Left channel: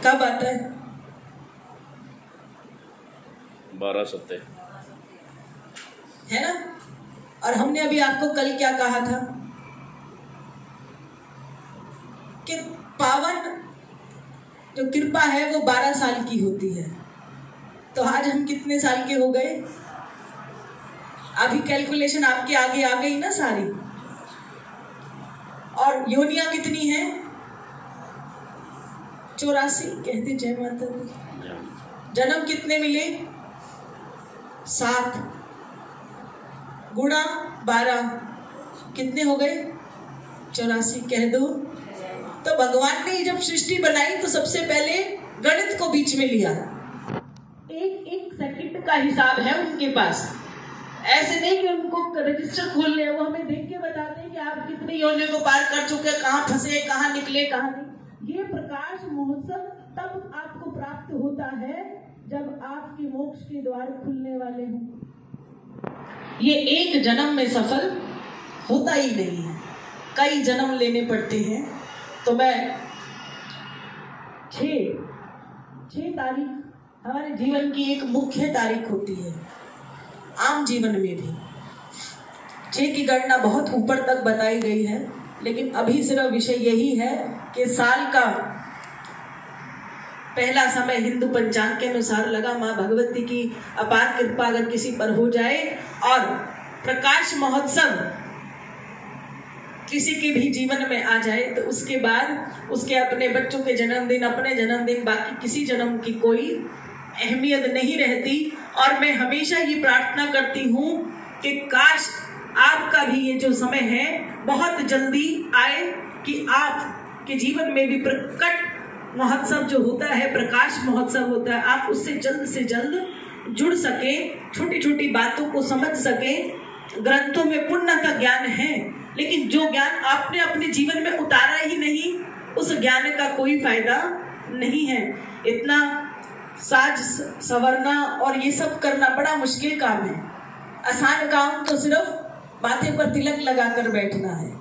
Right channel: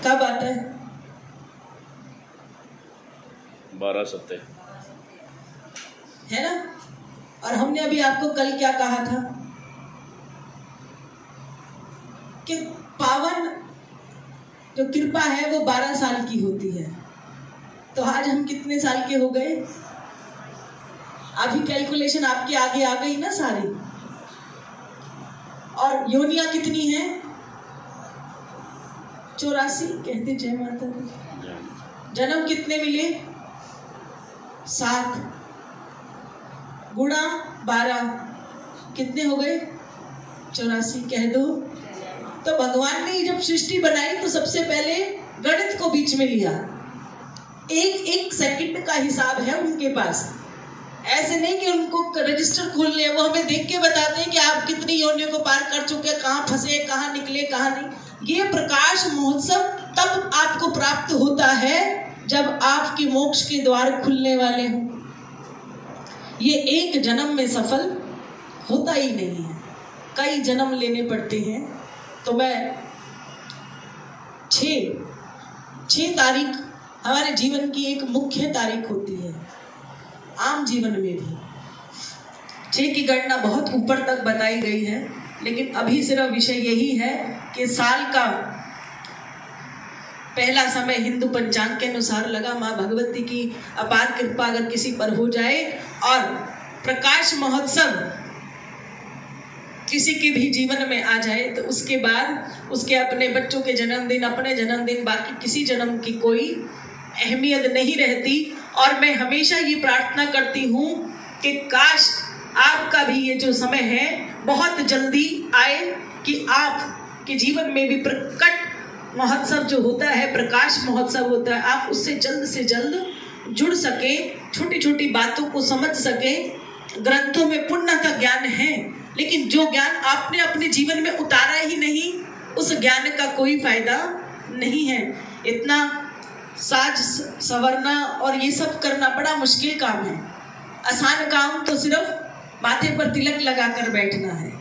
कब आता है? 12 सप्ताह है ना। और हमने अभी आपको कल क्या कहा था कि पावन जो कृपा है वो 12 साल की होती है। तो आज हम कितने साल के हो गए? अभी कैलकुलेशन आपके आगे आ गई ना सारी। और योनियां कितनी हैं? 84 कहते। जय माता दी। जन्म कितने मिले? 7 गुणा 12 कितने हो गए? 84 कह दो। तो भगवान ने जब सृष्टि बनाई तो सबसे पहले गणित को बीच में लिया। एक सेकंड का हिसाब है उनके पास। ऐसे नहीं कि उनको रजिस्टर खोल ले, वो हमें देख के बताते हैं कि आप कितनी योनियों को पार कर चुके, कहाँ फंसे, कहाँ निकले, कहाँ नहीं। ये प्रकाश महोत्सव तब आपको प्राप्त होता है जब आपके मोक्ष के द्वार खुलने वाले हों। ये एक जन्म में सफल होता ही नहीं है, कई जन्म लेने पड़ते हैं। तो मैं 6 तारीख हमारे जीवन की एक मुख्य तारीख होती है, आम जीवन में भी 6 की गणना बहुत ऊपर तक बताई गई है, लेकिन अभी सिर्फ विषय यही है कि साल का पहला समय हिंदू पंचांग के अनुसार लगा। माँ भगवती की अपार कृपा अगर किसी पर हो जाए और प्रकाश महोत्सव किसी के भी जीवन में आ जाए तो उसके बाद उसके अपने बच्चों के जन्मदिन, अपने जन्मदिन, बाकी किसी जन्म की कोई अहमियत नहीं रहती। और मैं हमेशा ये प्रार्थना करती हूँ कि काश आपका भी ये जो समय है बहुत जल्दी आए कि आपके जीवन में भी प्रकट महोत्सव जो होता है, प्रकाश महोत्सव होता है, आप उससे जल्द से जल्द जुड़ सके, छोटी छोटी बातों को समझ सके। ग्रंथों में पूर्णतः ज्ञान है, लेकिन जो ज्ञान आपने अपने जीवन में उतारा ही नहीं, उस ज्ञान का कोई फायदा नहीं है। इतना साज संवरना और ये सब करना बड़ा मुश्किल काम है। आसान काम तो सिर्फ माथे पर तिलक लगाकर बैठना है।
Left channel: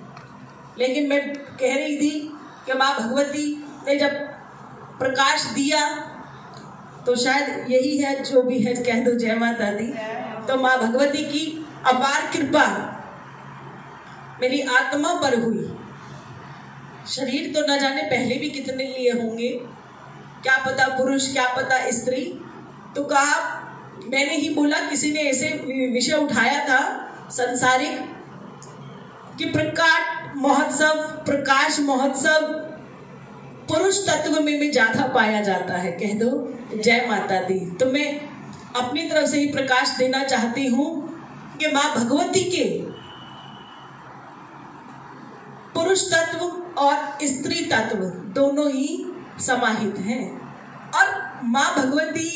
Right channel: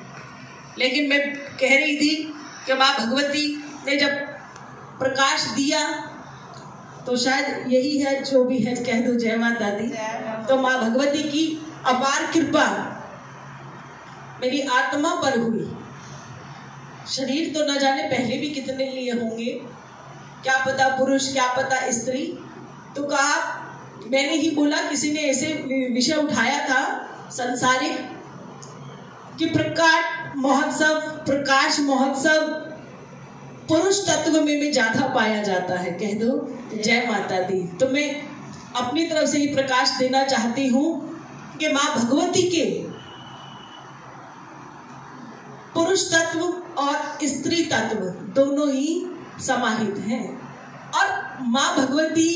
लेकिन मैं कह रही थी कि माँ भगवती ने जब प्रकाश दिया तो शायद यही है जो भी है, कह दो जय माता दी। तो माँ भगवती की अपार कृपा मेरी आत्मा पर हुई। शरीर तो न जाने पहले भी कितने लिए होंगे, क्या पता पुरुष, क्या पता स्त्री। तो कहा, मैंने ही बोला, किसी ने ऐसे विषय उठाया था संसारिक कि प्रकाश महोत्सव पुरुष तत्व में भी ज्यादा पाया जाता है। कह दो जय माता दी। तो मैं अपनी तरफ से ही प्रकाश देना चाहती हूँ कि माँ भगवती के पुरुष तत्व और स्त्री तत्व दोनों ही समाहित हैं। और माँ भगवती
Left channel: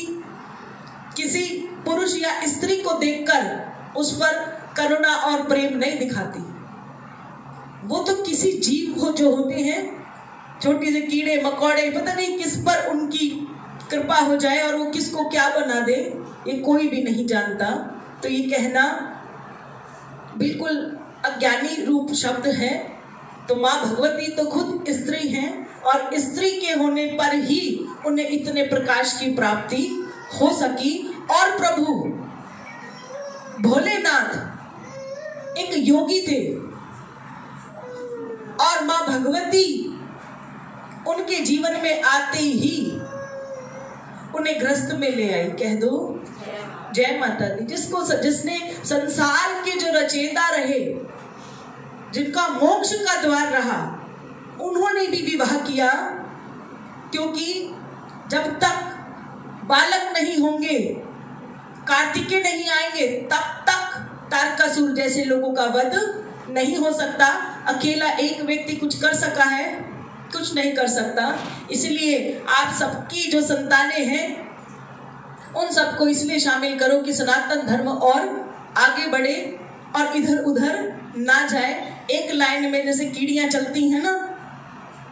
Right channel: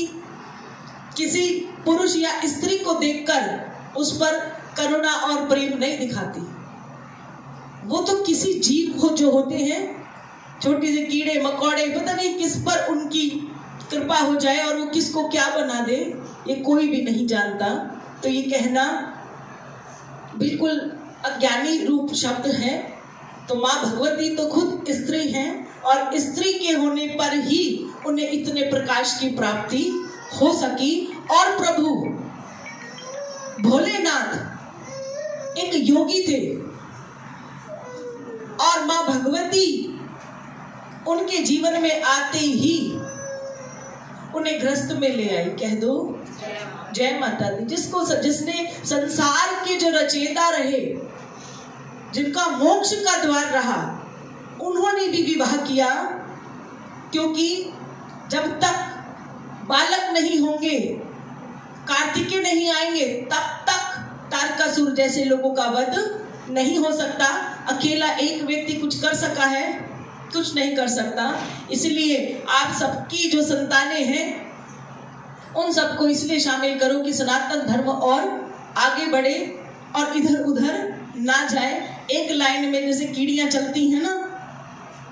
किसी पुरुष या स्त्री को देखकर उस पर करुणा और प्रेम नहीं दिखाती। वो तो किसी जीव को जो होते हैं, छोटे से कीड़े मकोड़े, पता नहीं किस पर उनकी कृपा हो जाए और वो किसको क्या बना दे, ये कोई भी नहीं जानता। तो ये कहना बिल्कुल अज्ञानी रूप शब्द है। तो माँ भगवती तो खुद स्त्री हैं और स्त्री के होने पर ही उन्हें इतने प्रकाश की प्राप्ति हो सकी। और प्रभु भोलेनाथ एक योगी थे और माँ भगवती उनके जीवन में आते ही उन्हें ग्रस्त में ले आई। कह दो जय माता दी। जिसने संसार के जो रचयिता रहे, जिनका मोक्ष का द्वार रहा, उन्होंने भी विवाह किया। क्योंकि जब तक बालक नहीं होंगे, कार्तिकेय नहीं आएंगे, तब तक तारकासुर जैसे लोगों का वध नहीं हो सकता। अकेला एक व्यक्ति कुछ कर सका है? कुछ नहीं कर सकता। इसलिए आप सबकी जो संतानें हैं उन सबको इसलिए शामिल करो कि सनातन धर्म और आगे बढ़े और इधर उधर ना जाए। एक लाइन में जैसे कीड़ियां चलती हैं ना,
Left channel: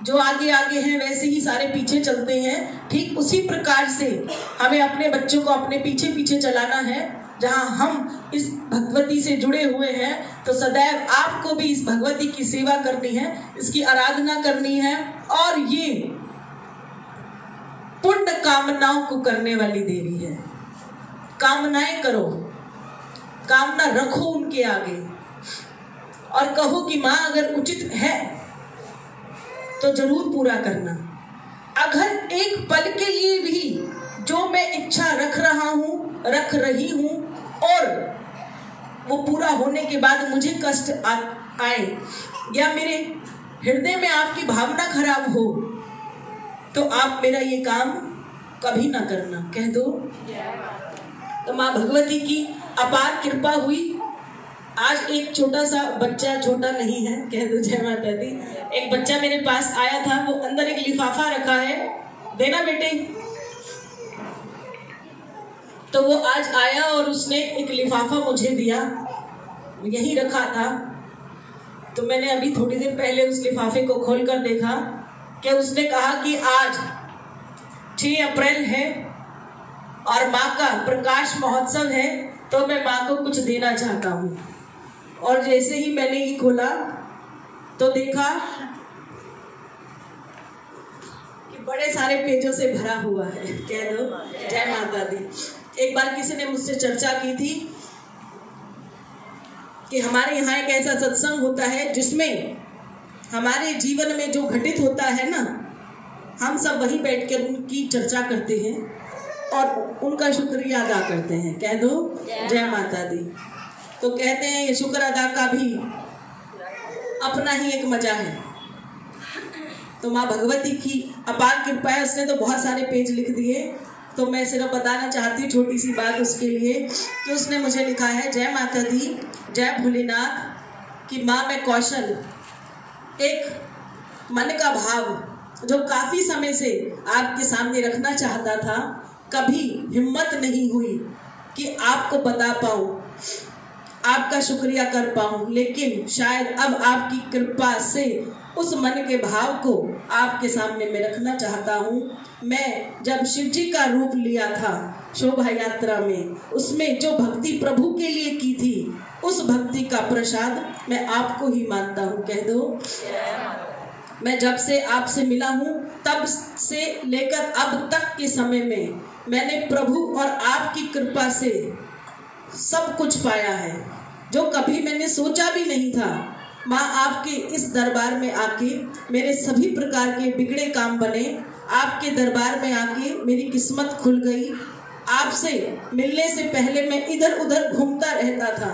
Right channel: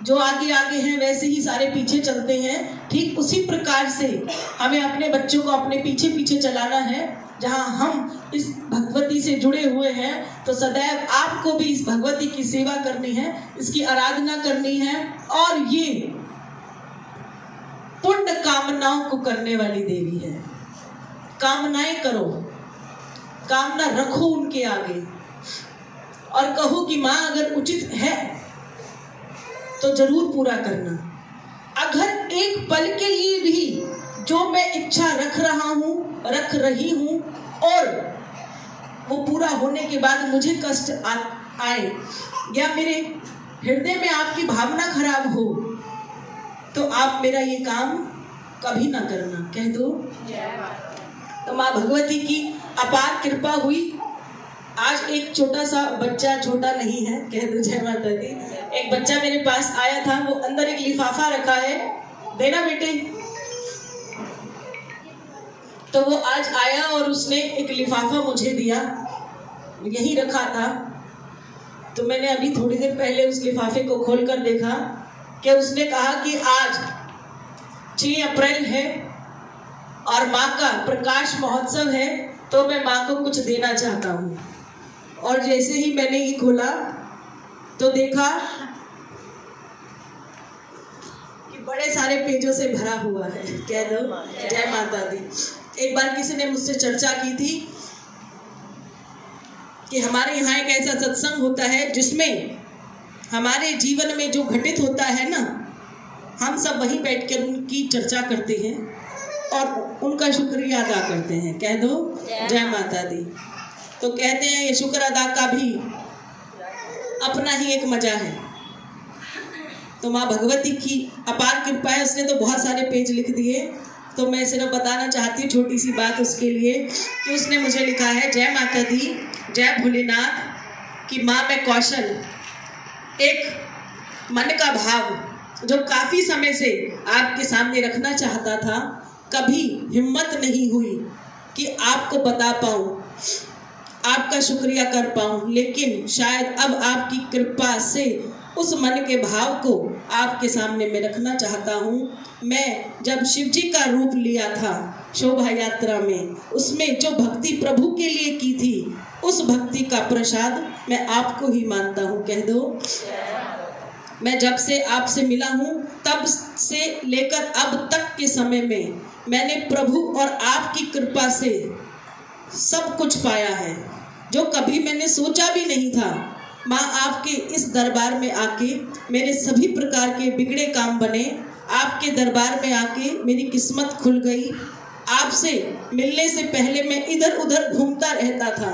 जो आगे आगे हैं वैसे ही सारे पीछे चलते हैं। ठीक उसी प्रकार से हमें अपने बच्चों को अपने पीछे पीछे चलाना है। जहां हम इस भगवती से जुड़े हुए हैं तो सदैव आपको भी इस भगवती की सेवा करनी है, इसकी आराधना करनी है। और ये कामनाओं को करने वाली देवी है। कामनाएं करो, कामना रखो उनके आगे और कहो कि माँ अगर उचित है तो जरूर पूरा करना। अगर एक पल के लिए भी जो मैं इच्छा रख रहा हूँ, रख रही हूँ और वो पूरा होने के बाद मुझे कष्ट आए या मेरे हृदय में आपकी भावना खराब हो तो आप मेरा ये काम कभी ना करना। कह दो। तो माँ भगवती की अपार कृपा हुई। आज एक छोटा सा बच्चा, छोटा नहीं है, कह दो जय माता दी, एक बच्चा मेरे पास आया था, वो अंदर एक लिफाफा रखा है, देना बेटे। तो वो आज आया और उसने एक लिफाफा मुझे दिया, यही रखा था। तो मैंने अभी थोड़ी देर पहले उस लिफाफे को खोलकर देखा कि उसने कहा कि आज 6 अप्रैल है और माँ का प्रकाश महोत्सव है, तो मैं माँ को कुछ देना चाहता हूँ। और जैसे ही मैंने ये खोला तो देखा कि बड़े सारे पेजों से भरा हुआ है। कह दो जय माता दी। एक बार किसी ने मुझसे चर्चा की थी कि हमारे यहाँ एक ऐसा सत्संग होता है जिसमें हमारे जीवन में जो घटित होता है ना, हम सब वहीं बैठकर उनकी चर्चा करते हैं और उनका शुक्रिया अदा करते हैं। कह दो जय माता दी। तो कहते हैं ये शुक्र अदा का भी अपना ही एक मजा है। तो माँ भगवती की अपार कृपा है, उसने तो बहुत सारे पेज लिख दिए। तो मैं सिर्फ बताना चाहती हूँ छोटी सी बात उसके लिए कि उसने मुझे लिखा है, जय माता दी, जय भोलेनाथ कि माँ मैं कौशल, एक मन का भाव जो काफ़ी समय से आपके सामने रखना चाहता था, कभी हिम्मत नहीं हुई कि आपको बता पाऊँ, आपका शुक्रिया कर पाऊँ, लेकिन शायद अब आपकी कृपा से उस मन के भाव को आपके सामने मैं रखना चाहता हूँ। मैं जब शिव जी का रूप लिया था शोभा यात्रा में, उसमें जो भक्ति प्रभु के लिए की थी, उस भक्ति का प्रसाद मैं आपको ही मानता हूँ। कह दो। मैं जब से आपसे मिला हूँ तब से लेकर अब तक के समय में मैंने प्रभु और आपकी कृपा से सब कुछ पाया है जो कभी मैंने सोचा भी नहीं था। माँ आपके इस दरबार में आके मेरे सभी प्रकार के बिगड़े काम बने, आपके दरबार में आके मेरी किस्मत खुल गई। आपसे मिलने से पहले मैं इधर उधर घूमता रहता था,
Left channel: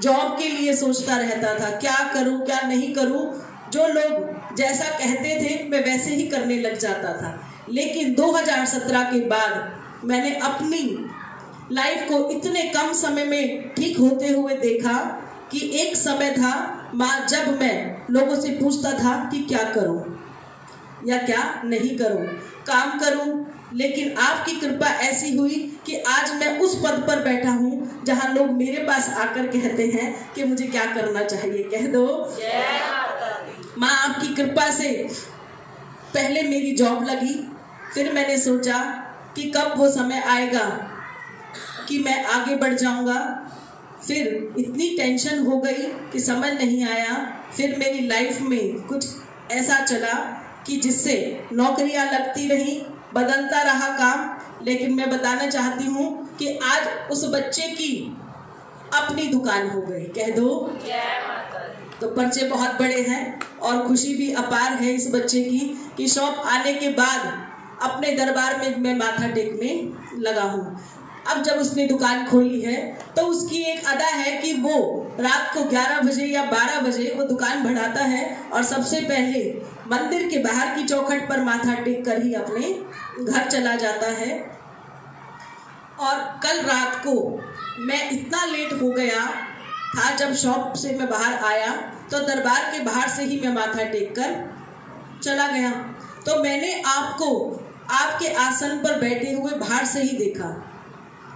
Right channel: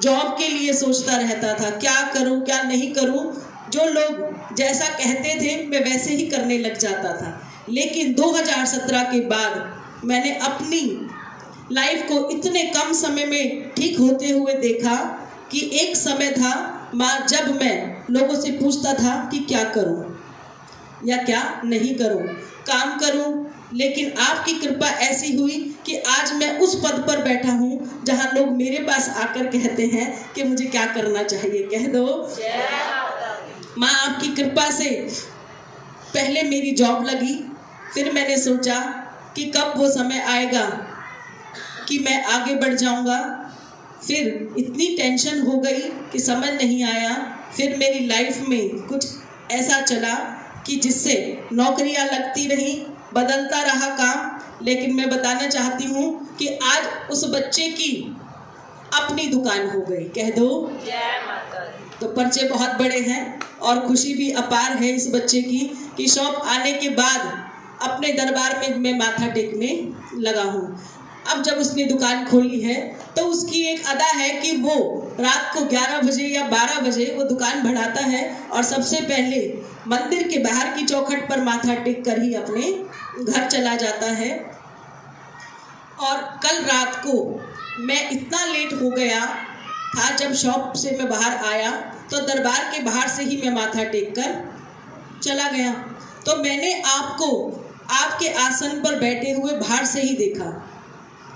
जॉब के लिए सोचता रहता था, क्या करूं क्या नहीं करूं। जो लोग जैसा कहते थे मैं वैसे ही करने लग जाता था। लेकिन 2017 के बाद मैंने अपनी लाइफ को इतने कम समय में ठीक होते हुए देखा कि एक समय था माँ जब मैं लोगों से पूछता था कि क्या करूं या क्या नहीं करूं, काम करूं, लेकिन आपकी कृपा ऐसी हुई कि आज मैं उस पद पर बैठा हूं जहां लोग मेरे पास आकर कहते हैं कि मुझे क्या करना चाहिए। कह दो। माँ आपकी कृपा से पहले मेरी जॉब लगी, फिर मैंने सोचा कि कब वो समय आएगा कि मैं आगे बढ़ जाऊंगा। फिर इतनी टेंशन हो गई कि समझ नहीं आया। फिर मेरी लाइफ में कुछ ऐसा चला कि जिससे नौकरियां लगती रही, बदलता रहा काम। लेकिन मैं बताना चाहती हूँ कि आज उस बच्चे की अपनी दुकान हो गई। कह दो। तो पर्चे बहुत बड़े हैं और खुशी भी अपार है इस बच्चे की कि शॉप आने के बाद अपने दरबार में मैं माथा टेकने लगा हूँ। अब जब उसने दुकान खोली है तो उसकी एक अदा है कि वो रात को 11 बजे या 12 बजे वो दुकान बढ़ाता है और सबसे पहले मंदिर के बाहर की चौखट पर माथा टेक कर ही अपने घर चला जाता है। और कल रात को मैं इतना लेट हो गया था, जब शॉप से मैं बाहर आया तो दरबार के बाहर से ही मैं माथा टेक कर चला गया। तो मैंने आपको आपके आसन पर बैठे हुए बाहर से ही देखा,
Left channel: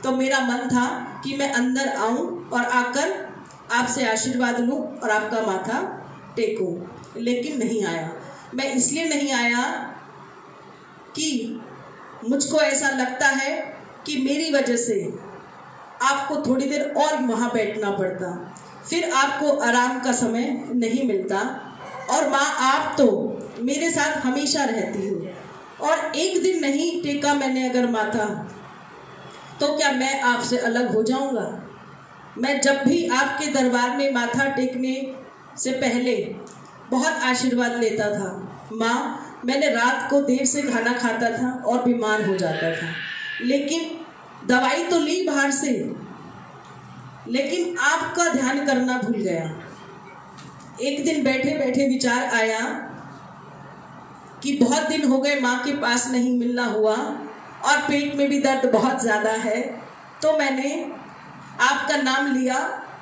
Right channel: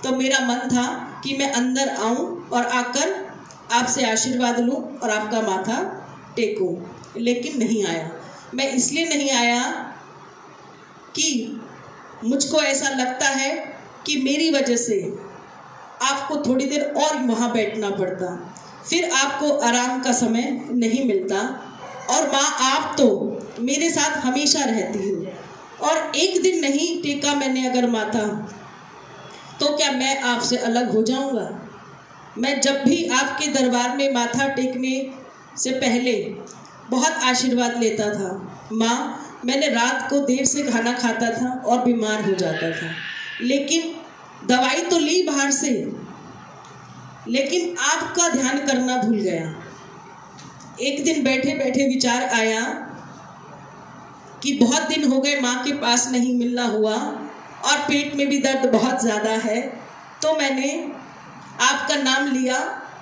तो मेरा मन था कि मैं अंदर आऊं और आकर आपसे आशीर्वाद लूं और आपका माथा टेकूं, लेकिन नहीं आया। मैं इसलिए नहीं आया कि मुझको ऐसा लगता है कि मेरी वजह से आपको थोड़ी देर और वहाँ बैठना पड़ता, फिर आपको आराम का समय नहीं मिलता। और माँ आप तो मेरे साथ हमेशा रहती हो, और एक दिन नहीं टेका मैंने अगर माथा, तो क्या मैं आपसे अलग हो जाऊंगा? मैं जब भी आपके दरबार में माथा टेकने से पहले बहुत आशीर्वाद लेता था। माँ, मैंने रात को देर से खाना खाता था और बीमार हो जाता था, लेकिन दवाई तो ली बाहर से, लेकिन आपका ध्यान करना भूल गया। एक दिन बैठे बैठे विचार आया कि बहुत दिन हो गए माँ के पास नहीं मिलना हुआ और पेट में भी दर्द बहुत ज़्यादा है, तो मैंने आपका नाम लिया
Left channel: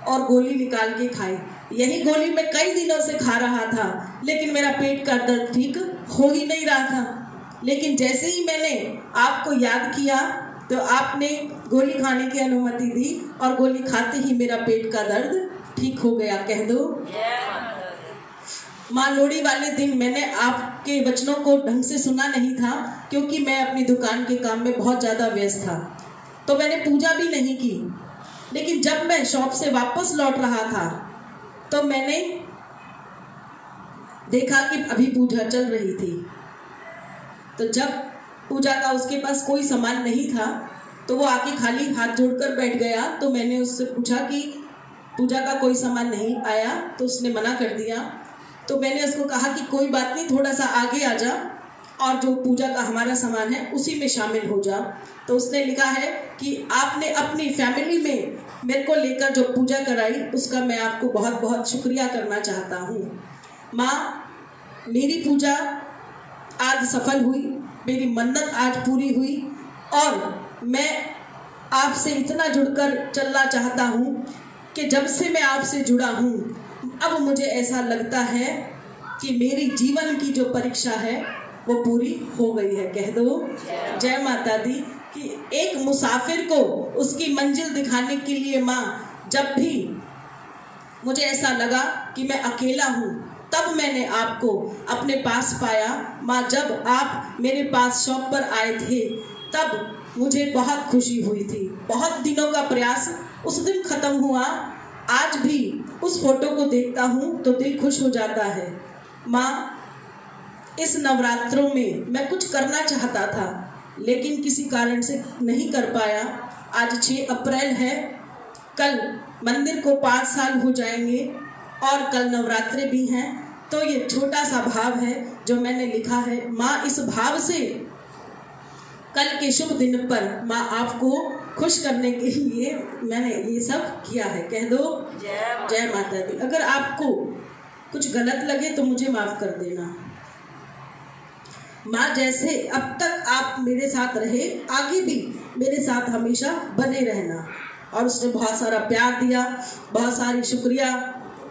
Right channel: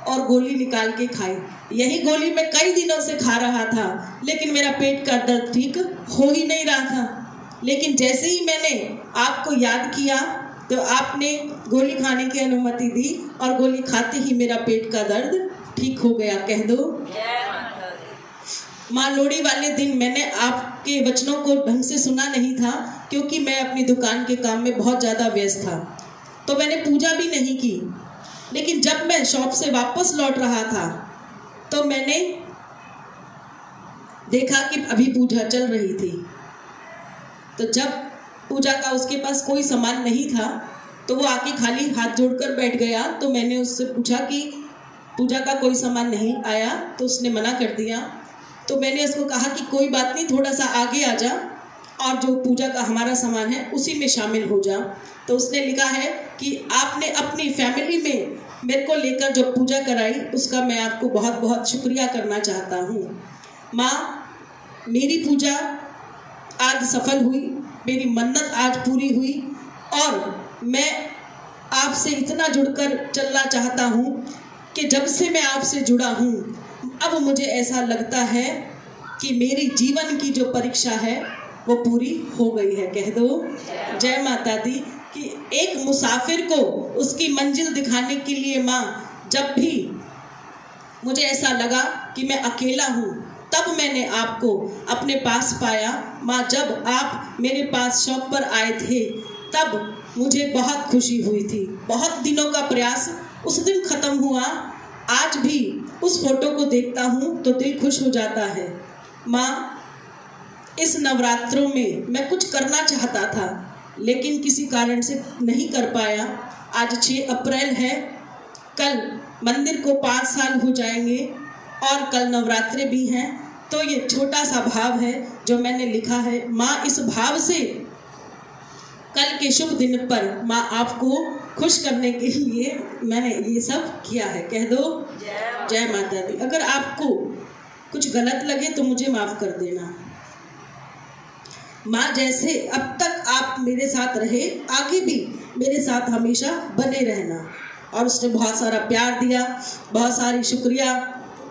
और गोली निकाल के खाई। यही गोली मैं कई दिनों से खा रहा था, लेकिन मेरा पेट का दर्द ठीक हो ही नहीं रहा था। लेकिन जैसे ही मैंने आपको याद किया तो आपने गोली खाने की अनुमति दी और गोली खाते ही मेरा पेट का दर्द ठीक हो गया। कह दो माँ। लोहड़ी वाले दिन मैंने आपके वचनों को ढंग से सुना नहीं था, क्योंकि मैं अपनी दुकान के काम में बहुत ज़्यादा व्यस्त था, तो मैंने पूजा भी नहीं की। लेकिन जब मैं शॉप से वापस लौट रहा था तो मैंने देखा कि अभी पूजा चल रही थी। तो जब पूजा का उसके पास कोई सामान नहीं था तो वो आके खाली हाथ जोड़कर बैठ गया। तो मैंने उससे पूछा कि पूजा का कोई सामान नहीं आया, तो उसने मना कर दिया। तो मैंने उसको कहा कि कोई बात नहीं, थोड़ा सा आगे आ जा और जो पूजा का हमारा सामान है उसी में शामिल हो जा। तो उसने लिखा है कि आपने अपनी फैमिली में मेरे को लेकर जो पूजा कराई, उसका मैं आपको बहुत बहुत शुक्रिया करना चाहता हूँ। माँ, मेरी पूजा आज सफल हुई, मेरी मन्नत आज पूरी हुई और मैं आपसे इतना जुड़कर चलना चाहता हूँ कि जब से मैं आपसे जुड़ा हूँ अब मुझे ऐसा लगता है कि मेरी जीवन की जो परीक्षा है वो पूरी हो गई है। कह दो जय माता दी। कि एक मुसाफिर को उसकी मंजिल दिखाने के लिए माँ, जब भी मुझे ऐसा लगा कि मैं अकेला हूँ, तब मैंने आपको अपने पास पाया। माँ, जब आप मेरे पास शॉप पर आए थे तब मुझे बहुत खुशी हुई थी। बहुत दिनों का प्रयास उस दिन खत्म हुआ। आज भी उस फोटो को देखता हूँ तो दिल खुश हो जाता है। माँ, इस नवरात्रों में मैं कुछ करना चाहता था, लेकिन किसी कारण से नहीं कर पाया। आज 6 अप्रैल है, कल मंदिर को 5 साल हो जाएंगे और कल नवरात्रे भी हैं। तो ये छोटा सा भाव है जो मैंने लिखा है। माँ, इस भाव से कल के शुभ दिन पर माँ आपको खुश करने के लिए मैंने ये सब किया है। कह दो जय माता दी। अगर आपको कुछ गलत लगे तो मुझे माफ कर देना। माँ, जैसे अब तक आप मेरे साथ रहे, आगे भी मेरे साथ हमेशा बने रहना। और उसने बहुत सारा प्यार दिया, बहुत सारी शुक्रिया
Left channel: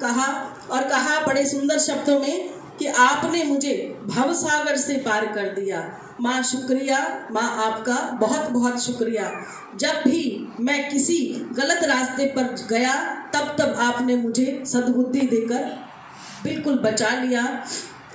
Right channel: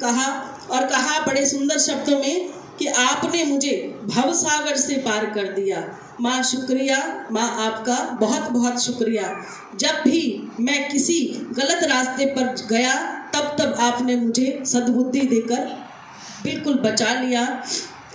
कहा और कहा बड़े सुंदर शब्दों में कि आपने मुझे भवसागर से पार कर दिया। माँ शुक्रिया, माँ आपका बहुत बहुत शुक्रिया। जब भी मैं किसी गलत रास्ते पर गया तब आपने मुझे सद्बुद्धि देकर बिल्कुल बचा लिया।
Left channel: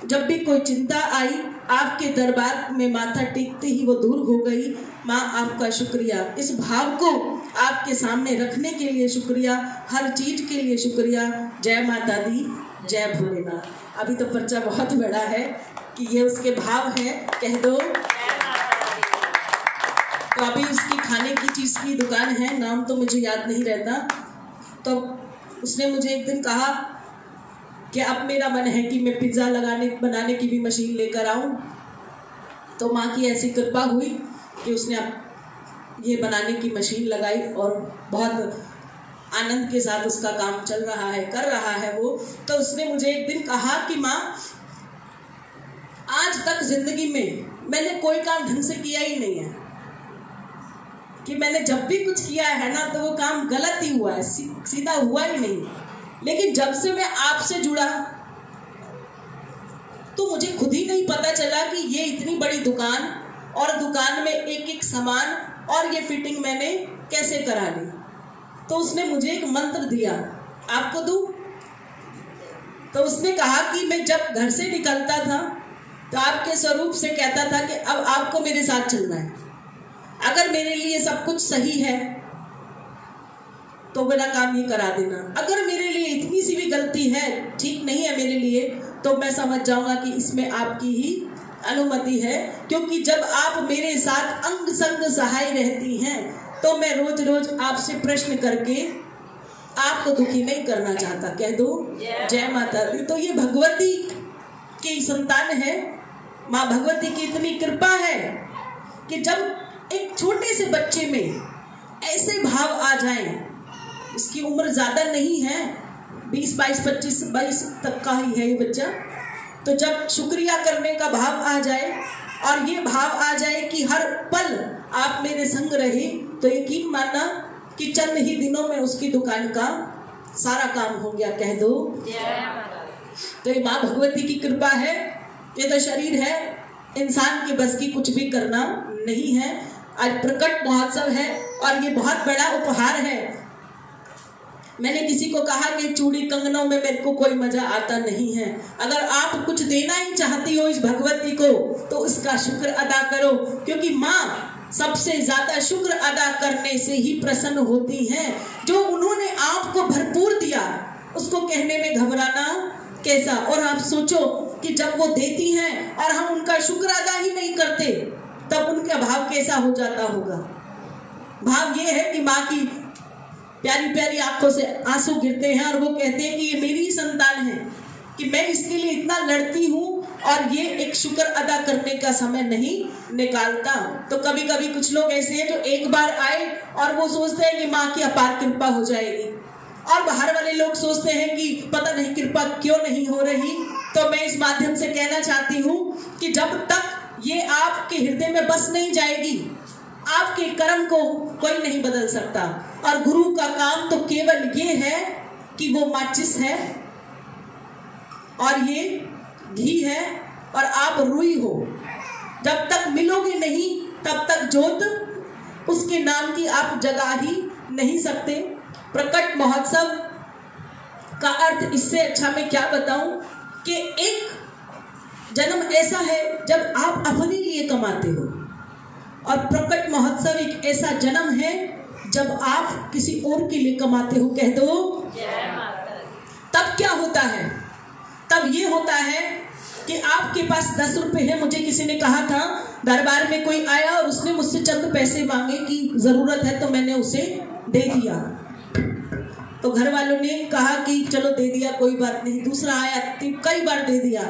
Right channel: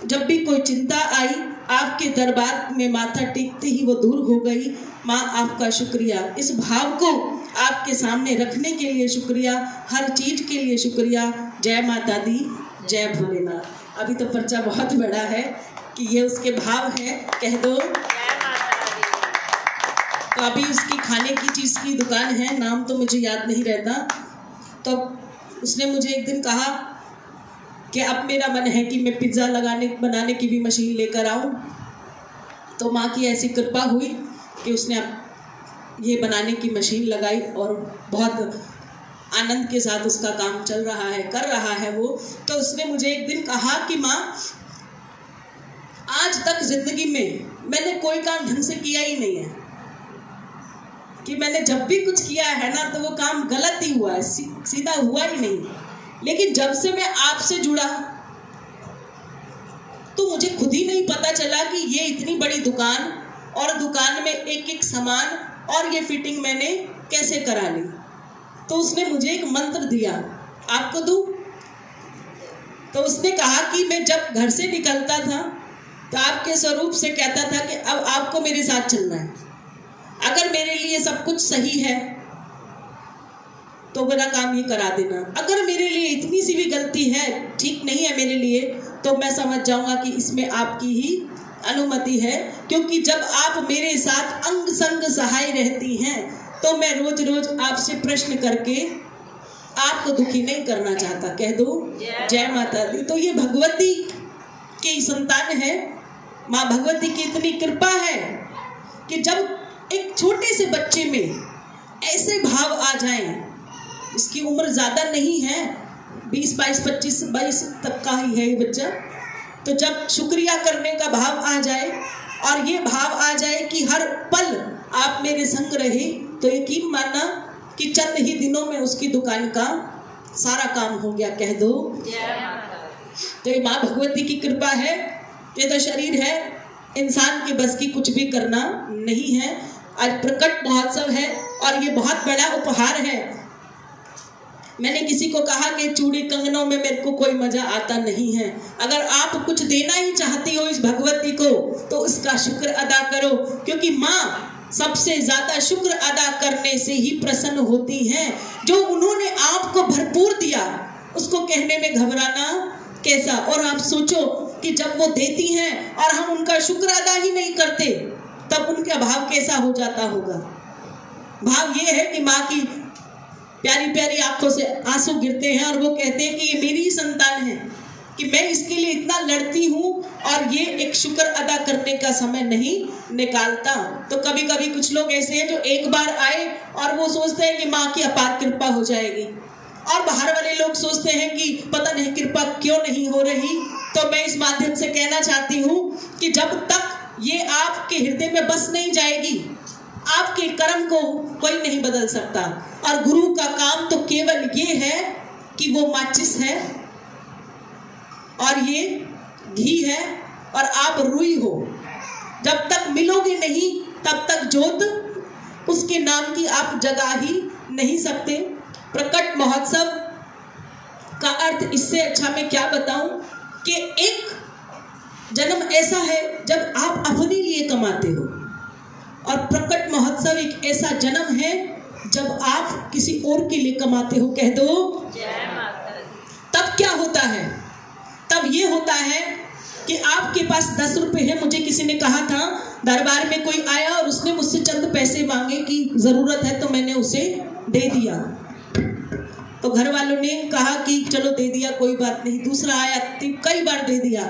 जब भी कोई चिंता आई आपके दरबार में माथा टेकते ही वो दूर हो गई। माँ आपका शुक्रिया। इस भाव को आपके सामने रखने के लिए शुक्रिया, हर चीज के लिए शुक्रिया। जय माता दी, जय भोलेनाथ। अभी तो पर्चा बहुत बड़ा है कि ये उसके भाव है। कह दो। तो अभी उसकी खाने की चीज की दुकान है, नाम तो मुझे याद नहीं रहता। तो उसने मुझे एक दिन कहा कि अब मेरा मन है कि मैं पिज्ज़ा बनाने की भी मशीन लेकर आऊं। तो माँ की ऐसी कृपा हुई कि उसने ये बनाने की मशीन लगाई और बहुत आनंद के साथ उसका काम चल रहा है, कर रहा है वो। तो उसने मुझे एक दिन कहा कि माँ, आज तक जिंदगी में मैंने कोई काम ढंग से किया ही नहीं है, कि मैंने जब भी कुछ किया है ना तो वो काम गलत ही हुआ है, सीधा हुआ ही नहीं। लेकिन जब से मैं आपसे जुड़ा तो मुझे खुद ही नहीं पता चला कि ये इतनी बड़ी दुकान और दुकान में एक एक सामान और ये फिटिंग मैंने कैसे करा ली। तो उसने मुझे एक मंत्र दिया, आपको दूं? तो उसने कहा कि मैं जब घर से निकलता था तो आपके स्वरूप से कहता था कि अब आपको मेरे साथ चलना है। अगर मेरे लिए सब कुछ सही है तो मेरा काम ये करा देना। अगर मेरे लिए इतनी सी भी गलती है, ठीक नहीं है मेरे लिए, तो मैं समझ जाऊंगा कि इसमें आपकी ही अनुमति है, क्योंकि जब आप मेरे साथ अंग संग सहाय रहती हैं तो मैं रोज रोज आपसे प्रश्न करके आपको दुखी नहीं करना चाहता। कह दो जय माता दी। तो ये भगवती की संतान है। माँ भगवती की इतनी कृपा है कि जब एक छोटे से बच्चे में ऐसे भाव आ जाएं, इसकी उम्र ज्यादा नहीं है, 20, 22, 25, 22 तक का ही है ये बच्चा, तो जब शुक्रिया करने का भाव आ जाए और ये भाव आ जाए कि हर पल आप मेरे संग रहे, तो यकीन मानना कि चंद ही दिनों में उसकी दुकान का सारा काम हो गया। कह दो। तो ये माँ भगवती की कृपा है। ये तो शरीर है, इंसान के बस की कुछ भी करना नहीं है। आज प्रकट महोत्सव है और ये बहुत बड़ा उपहार है। मैंने किसी को कहा कि चूड़ी कंगनों में मेरे को कोई मजा आता नहीं है। अगर आप कुछ देना ही चाहती हो इस भगवती को तो उसका शुक्र अदा करो, क्योंकि माँ सबसे ज्यादा शुक्र अदा करने से ही प्रसन्न होती हैं। जो उन्होंने आपको भरपूर दिया उसको कहने में घबराना कैसा। और आप सोचो कि जब वो देती हैं और हम उनका शुक्र अदा ही नहीं करते तब उनका भाव कैसा हो जाता होगा। भाव ये है कि माँ की प्यारी प्यारी आंखों से आंसू गिरते हैं और वो कहते हैं कि ये मेरी ही संतान है, कि मैं इसके लिए इतना लड़ती हूँ और ये एक शुक्र अदा करने का समय नहीं निकालता। तो कभी कभी कुछ लोग ऐसे हैं जो एक बार आए और वो सोचते हैं कि माँ की अपार कृपा हो जाएगी, और बाहर वाले लोग सोचते हैं कि पता नहीं कृपा क्यों नहीं हो रही। तो मैं इस माध्यम से कहना चाहती हूँ कि जब तक ये आपके हृदय में बस नहीं जाएगी, आपके कर्म को कोई नहीं बदल सकता। और गुरु का काम तो केवल ये है कि वो माचिस है और ये घी है और आप रुई हो। जब तक मिलोगे नहीं तब तक जोत उसके नाम की आप जगा ही नहीं सकते। प्रकट महोत्सव का अर्थ इससे अच्छा मैं क्या बताऊं कि एक जन्म ऐसा है जब आप अपने लिए कमाते हो, और प्रकट महोत्सव एक ऐसा जन्म है जब आप किसी और के लिए कमाते हो। कह दो। तब क्या होता है? तब ये होता है कि आपके पास 10 रुपए है। मुझे किसी ने कहा था, दरबार में कोई आया और उसने मुझसे चंद पैसे मांगे कि जरूरत है, तो मैंने उसे दे दिया। तो घर वालों ने कहा कि चलो दे दिया, कोई बात नहीं। दूसरा आया, कई बार दे दिया।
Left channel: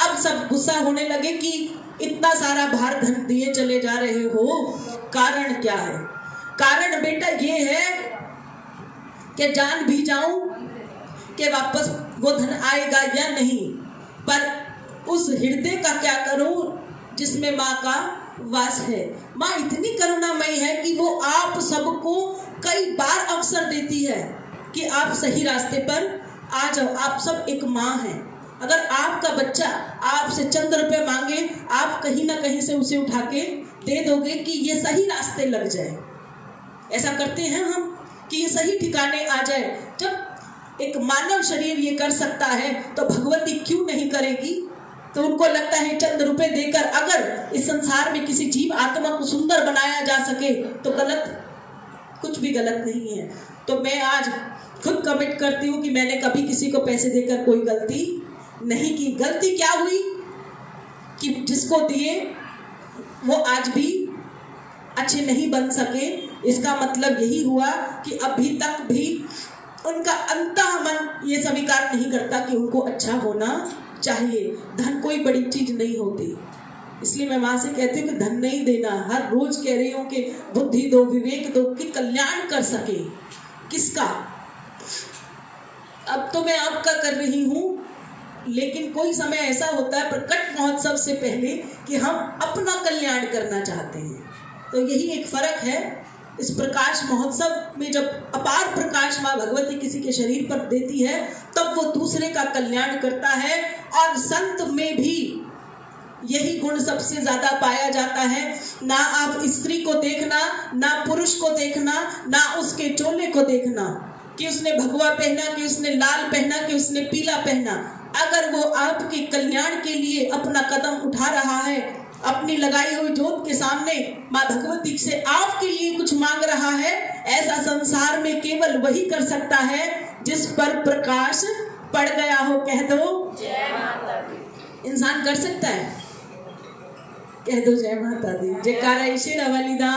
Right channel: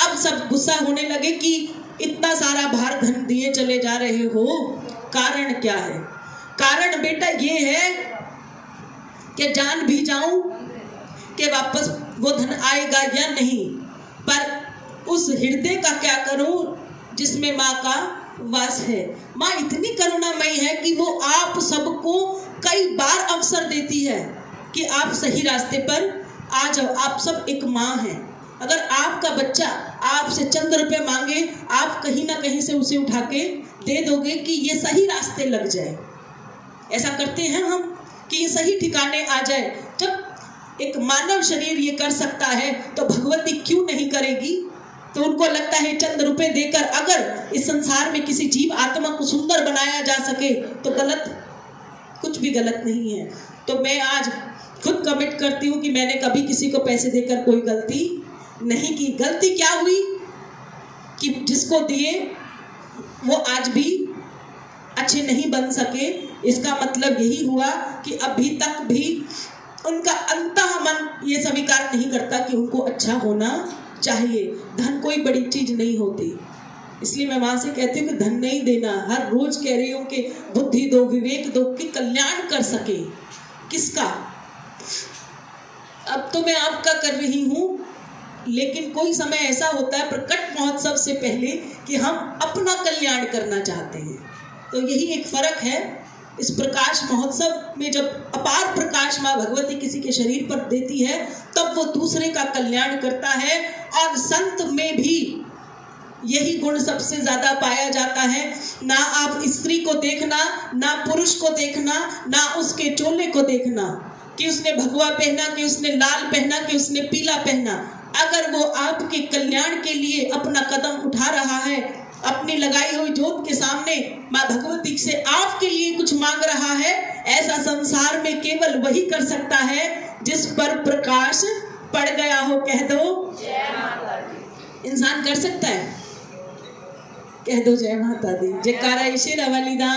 अब सब गुस्सा होने लगे कि इतना सारा भार धन दिए चले जा रहे हो, कारण क्या है? कारण बेटा ये है कि जान भी जाऊं कि वापस वो धन आएगा या नहीं, पर उस हृदय का क्या करूं जिसमें माँ का वास है। माँ इतनी करुणामयी है कि वो आप सबको कई बार अवसर देती है कि आप सही रास्ते पर आ जाओ। आप सब एक माँ हैं। अगर आपका बच्चा आपसे चंद रुपए मांगे, आप कहीं ना कहीं से उसे उठा के दे दोगे कि ये सही रास्ते लग जाए। ऐसा करते हैं हम कि ये सही ठिकाने आ जाए। जब एक मानव शरीर ये कर सकता है तो भगवती क्यों नहीं करेगी? तो उनको लगता है चंद रुपए देकर अगर इस संसार में किसी जीव आत्मा को सुंदर बनाया जा सके तो गलत, कुछ भी गलत नहीं है। तो मैं आज खुद कमिट करती हूँ कि मैंने कभी किसी को पैसे देकर कोई गलती नहीं की। गलती क्या हुई कि जिसको दिए वो आज भी अच्छे नहीं बन सके। इसका मतलब यही हुआ कि अभी तक भी उनका अंतः मन ये स्वीकार नहीं करता कि उनको अच्छा होना चाहिए। धन कोई बड़ी चीज नहीं होती, इसलिए मैं वहां से कहती हूँ कि धन नहीं देना। हर रोज कह रही हूँ कि बुद्धि दो, विवेक दो, कि कल्याण कर सके। किसका? अब तो मैं आपका कर रही हूँ, लेकिन कोई समय ऐसा होता है प्रकट महोत्सव से पहले कि हम अपना कल्याण करना चाहते हैं। तो यही एक फर्क है। इस प्रकाश महोत्सव में जब अपार प्रकाश माँ भगवती किसी के शरीर पर देती है तब वो दूसरे का कल्याण करता है। और संत में भी यही गुण सबसे ज्यादा पाया जाता है। ना आप स्त्री को देखना, ना पुरुष को देखना, ना उसके चोले को देखना कि उसने भगवा पहना, कि उसने लाल पहना, कि उसने पीला पहना। अगर वो आपके कल्याण के लिए अपना कदम उठा रहा है, अपनी लगाई हुई जोत के सामने माँ भगवती से आपके लिए कुछ मांग रहा है, ऐसा संसार में केवल वही कर सकता है जिस पर प्रकाश पड़ गया हो। कह दो। इंसान कर सकता है? कह दो जय माता दी, जयकारा शेरा वाली दा।